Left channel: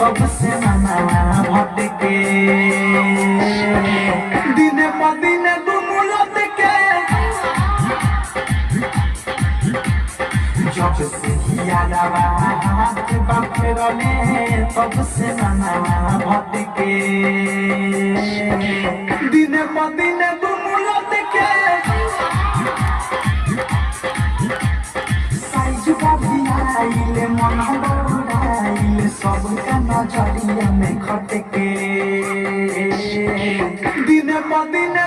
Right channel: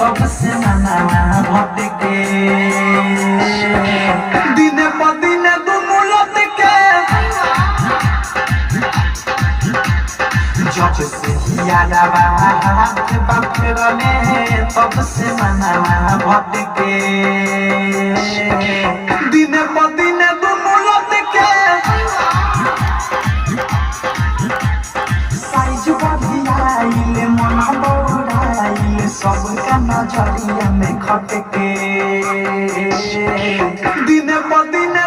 तब से मनाना भटके दिने प दिने दुनू लटके जब से यादवा के बकरने तब से मनाना भटके दिने प दिने दुनू लटके साइज बढ़ियाइले मन बौराइले सबका नजरिया में खटके दिने प दिने